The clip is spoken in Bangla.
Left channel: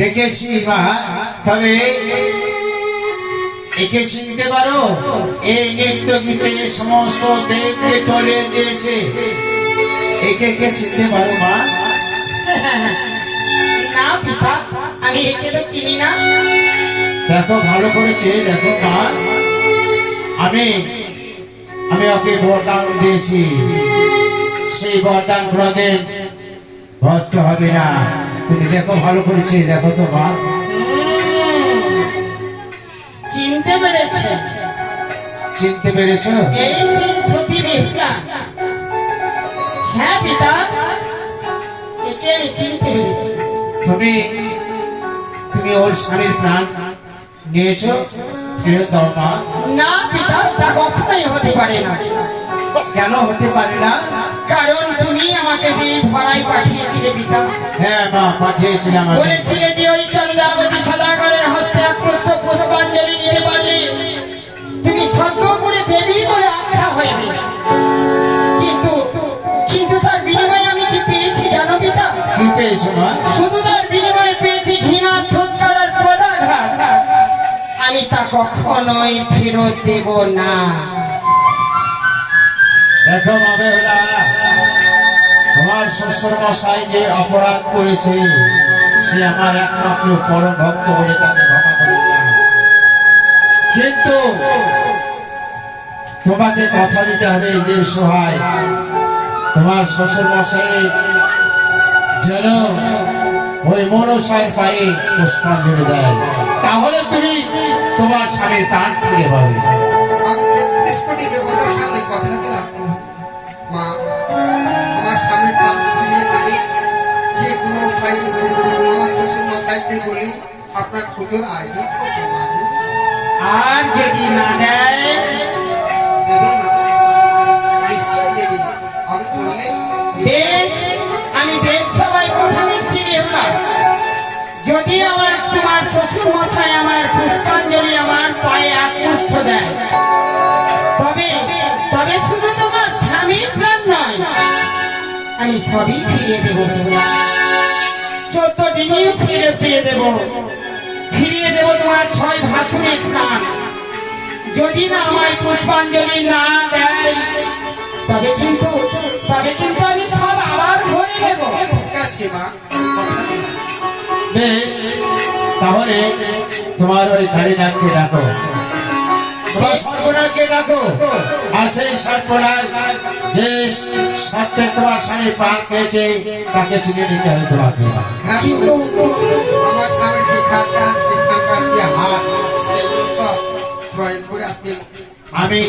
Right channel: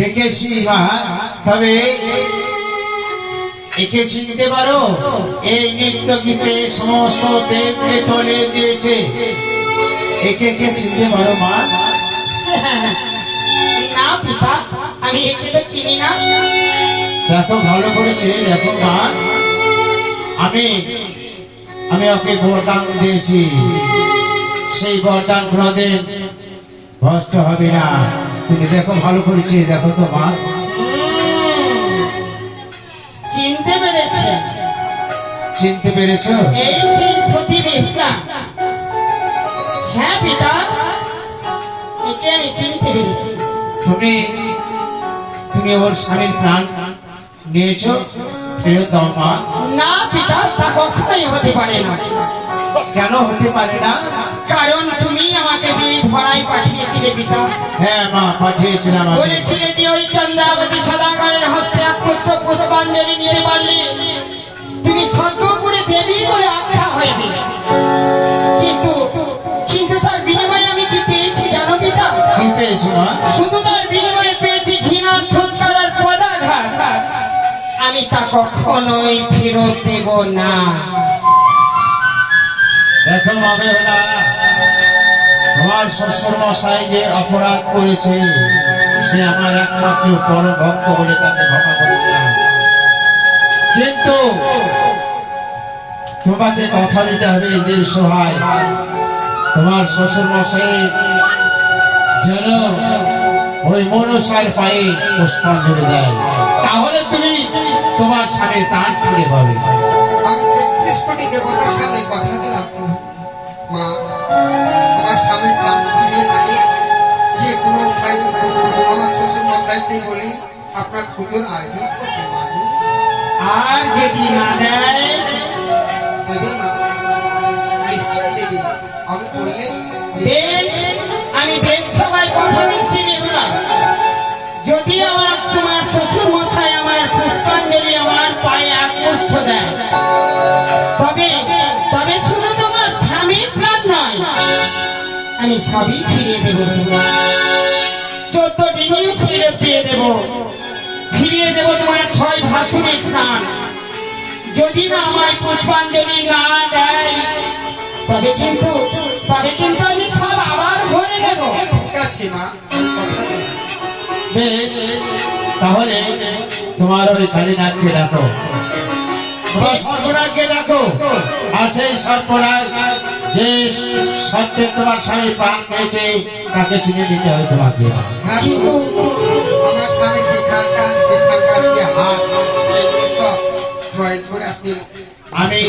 দেখেছি মা, তবে একে চিনতে পারো? এই নৃত্য গীতে সমস্ত দেবকে টলে দিয়েছে, একে কে চিনতে পারো মা? না পিতা, আমি একে তো চিনি না। দেখো ভালো করেছে, দেখো মা, আমি ওকে বরদান দিয়েছি, সেই বরদান কোনদিন নষ্ট হবে না। তুমি দেখো ভালো করেছে, দেখো তো মা। চিনতে পেরেছে? চিনতে পেরেছো? এই সেই সতী দেবতা। হ্যাঁ পিতা, একে আমি চিনতে পেরেছি। তুমি ওর স্বামীর প্রাণ নিয়েছো, ফেরত দাও মা। না পিতা, তা কখনোই হতে পারে না। কেন হতে পারে না? কারণ তুমি আমাকে দিয়ে ধরায় পাঠিয়েছিলে পিতা। হ্যাঁ মা, পাঠিয়েছিলাম আমি। বলেছিলে যে ওই চন্দ্রাবতী সদাগরের হস্তে পুষ্ট পুষ্পাঞ্জলি নিতে পারলে তুমি স্বর্গপুরে দেবী বলে আখ্যা হইবে। কিন্তু তার বিনিময়ে আমি কি পেয়েছি জানো পিতা? কি পেয়েছো মা? শুধু তার বিনিময়ে পেয়েছি ঘৃণার ঠোঁটকার আর পদাঘাত। আমি তা কখনোই ফেরত দেব না। দেখো মা বেহুলা, তোমার শ্বশুর মশাই যে অপরাধ করেছে, সে আমার একমাত্র পরম ভক্ত বলে তাকে ক্ষমা করে দিলাম। কিন্তু তোমাকে কথা দিতে হবে যে সহায় তোমার শ্বশুর মশাই যেন ওই মনসার পায়ে পুষ্পাঞ্জলি দেয়, তাহলে তুমি তোমার স্বামীর প্রাণ ফিরে পাবে। মা, তোমার স্বামীর প্রাণ ফিরিয়ে পেলে যে কোনো উপায়ে আমার শ্বশুর মশাইকে বলি আপনার পুজোর আয়োজন করতে। আর যদি না দেয়? দেবে না, নিশ্চয় দেবে। আমি বললে বেশ, আমি দেব সবাই কথা দিচ্ছি না। যদি তোমার শ্বশুর মশাই আমার পুষ্পাঞ্জলি আমার পায়ে আকৃষ্ট দেয়, তবে শুধু তোমার স্বামীর প্রাণ নয়, আমি সবই ফিরিয়ে দেব। 14 দিনেও ফিরে দিয়ে দেব। ফিরিয়ে দেব তোমার 6 ভাসুরের প্রাণ। যদি না আমার পুষ্পাঞ্জলি না দেয়, তবে কিন্তু আমি সব আবার ভরে দেব। ঠিক আছে মা, বেশ, তাহলে তোমার ওই কালীনাথকে ডাকো, তোমার সর্বনাথকে ডাকো, আর সেই সর্বনাথ যে সত্যি তোমার স্বামী প্রাণ পেয়েছে তাকে চিনে দিতে হবে তোমাকে। কিন্তু আমার স্বামীর এখানকার যে হাত সব জয় করে আপনি আমি